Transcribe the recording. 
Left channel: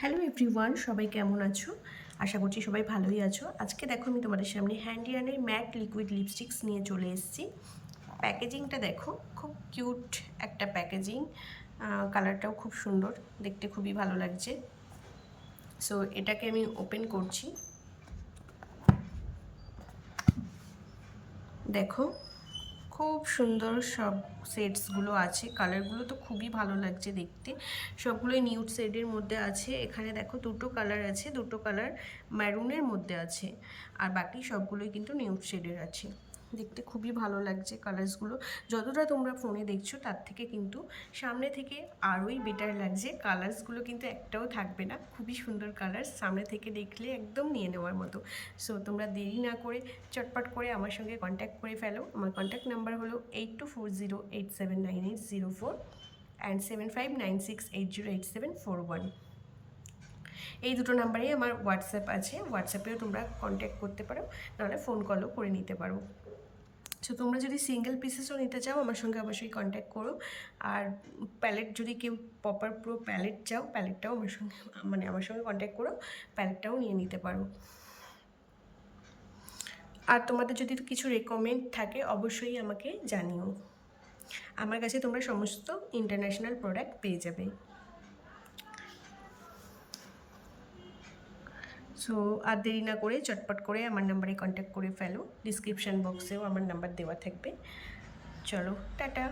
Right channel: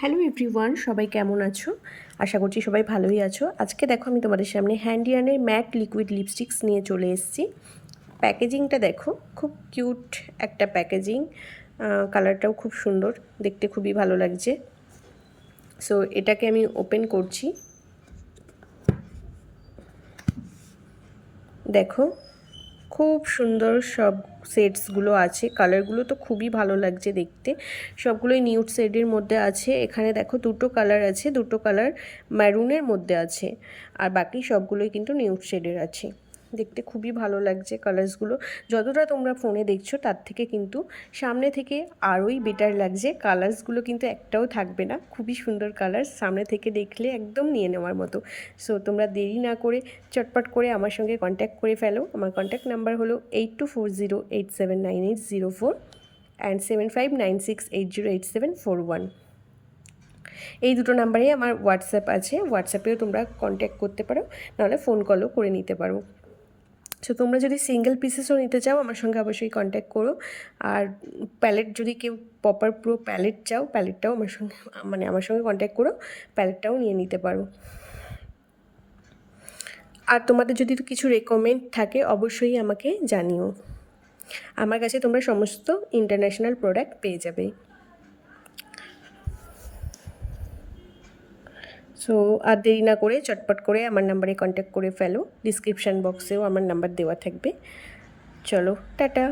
Hello everyone, সবাই কেমন আছো? আশা করছি সবাই ভালোই আছো। আজকে দেখো আমি তোমাদের সামনে হ্যান্ডিয়ানের ম্যাট লিকুইড লিপস্টিক্স নিয়ে চলে এসেছি। প্যাকেজিংটা দেখো, খুব কিউট একটা প্যাকেজিং। কালারটাও খুব সুন্দর, দেখতে খুবই ভালো লাগছে। সো এটাকে আমি ওপেন করছি। দেখো, খুব সুন্দর সব সেটসগুলো আছে। কালারগুলো তো খুবই ভালো লাগছে দেখতে, সবগুলোই নিউড শেডের মধ্যে আছে। এখানে দেখো দুটো কালার আছে, দুটো কালার ম্যারুনের মধ্যে আছে, আর বাকি সবগুলোই কিন্তু নিউড শেডের আছে। দেখতে খুবই ভালো লাগছে কালার্সগুলো। যতটা তোমরা ফোনে দেখছো তার থেকে কিন্তু সামনে থেকে আরোই বেটার লাগছে। কালার্সগুলো কিন্তু একটাও থাকবে না, খুবই সুন্দর কালার্স, সামনে থেকে দেখলে একদম নিয়ে নেওয়ার মতো। সো তোমরা দেরি না করে চটপট করে আমার সঙ্গে কন্ট্যাক্ট করে ফেলো। আমার কন্ট্যাক্ট নাম্বার হলো 8240879804 অ্যান্ড 7596808741। এই দুটো নাম্বারেই আমার হোয়াটসঅ্যাপ আছে, হোয়াটসঅ্যাপেও তোমরা কন্ট্যাক্ট করতে পারো, নাহলে ফোন কলও করে নিতে পারো। সো তোমরা যদি সিঙ্গেল পিসেসও নিতে চাও আমার সঙ্গে অবশ্যই কন্ট্যাক্ট করো। আর প্যালেট যদি কেউ প্রপার পুরো প্যালেট চাও, প্যালেটটাও আমার সঙ্গে কন্ট্যাক্ট করো, প্যালেটটাও নিয়ে নিতে পারো। আর তোমাদের যদি কিছু রেকমেন্ড থাকে অবশ্যই আমাকে জানিও। আমার কাছে তোমরা সমস্ত ইন্টারন্যাশনাল প্রোডাক্ট পেয়ে যাবে। সো আর দেরি না করে চটপট করে আমার নাম্বারে কন্ট্যাক্ট করে ফেলো। ডিসক্রিপশান বক্সেও আমার নাম্বার দেওয়া থাকবে। চলো, টাটা।